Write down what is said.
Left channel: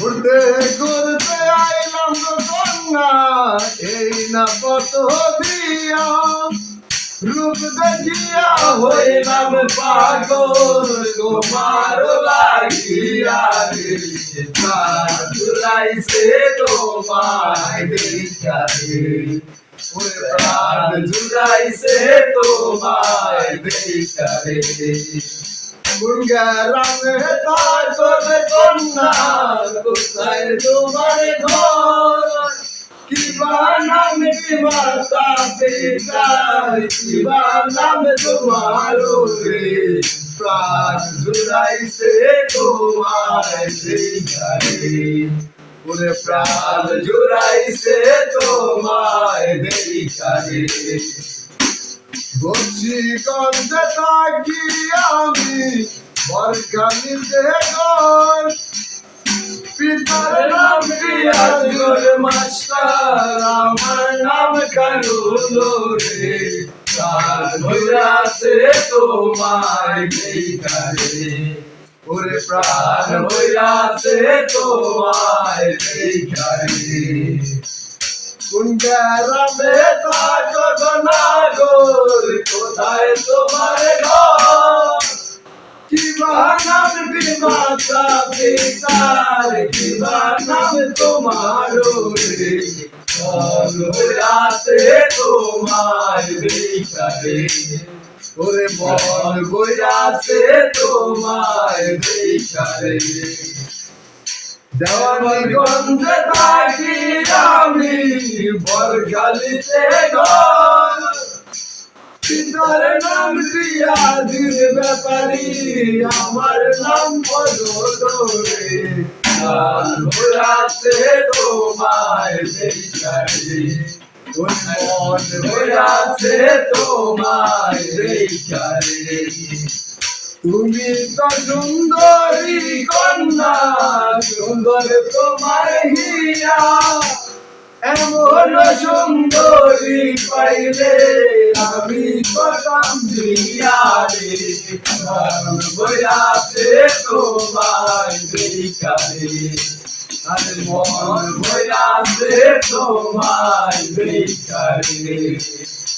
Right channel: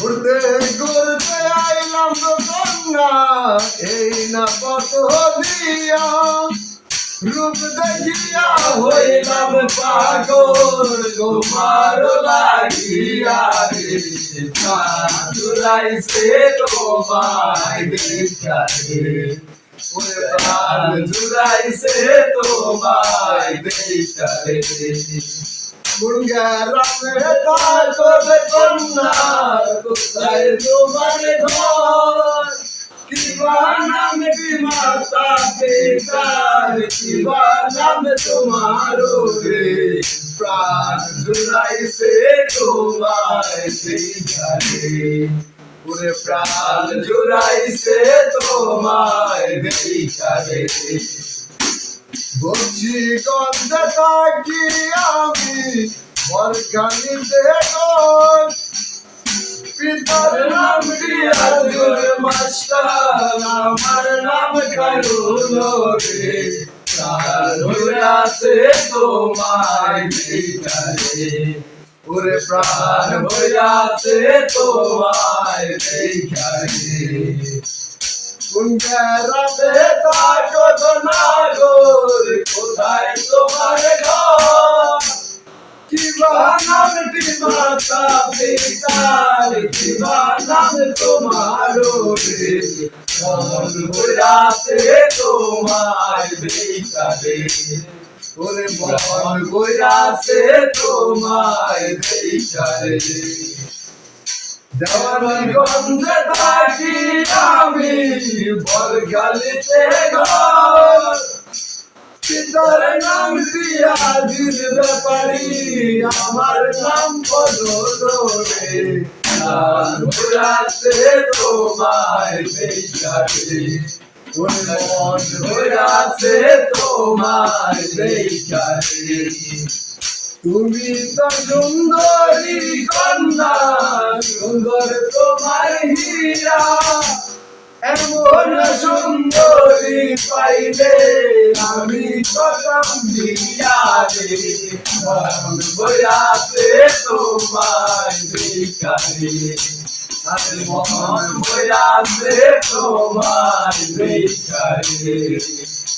ঘুরতে ঘুরতে আইলাম কন্যা এই না কত দিয়া রূপ দেখিয়া হইলাম পাগল। তোমার লাগিয়া রে জুড়াইছে তোমায় দেখা রে। ওরে প্রাণ জুড়াইছে তোমায় দেখা রে। কন্যা কোথায় তোমার ঘর? কিবা নাম কি মাতা পিতার, কিবা নাম তোমার রে প্রাণ জুড়াইছে তোমায় দেখারে ওরে প্রাণ জুড়াইছে তোমায় দেখারে বলছি, গন্ধে থাকি আমি বরখানিতে গন পিতার নাম পিয়াজুর মাস্টার আমার নাম কানুলো রে প্রাণ হইয়াছে তোমায় দেখারে ওরে প্রাণ হইয়াছে তোমায় দেখারে কুঞ্জারামে থাকো নাগর কোথায় মাতা পিতার কিবা নাম তোমার রে হইয়াছে তোমার বেকারে ওরে মন হইয়াছে তোমার বেকারে দেওয়ানি গন্ধে থাকি আমি বরগালিতে ঘর নাম দিয়া দিন ব্যাপারি। আমার নাম বেচারে মন ঘোরাতে তোমায় তুমি তো সুন্দরী কন্যা, সুন্দর তোমার হিয়া এমন সুন্দরী পাইলে আমি কদম দিয়া রে মন বয়াতে তোমায় বেকারে আর মন বয়াতে তোমায় বেকারে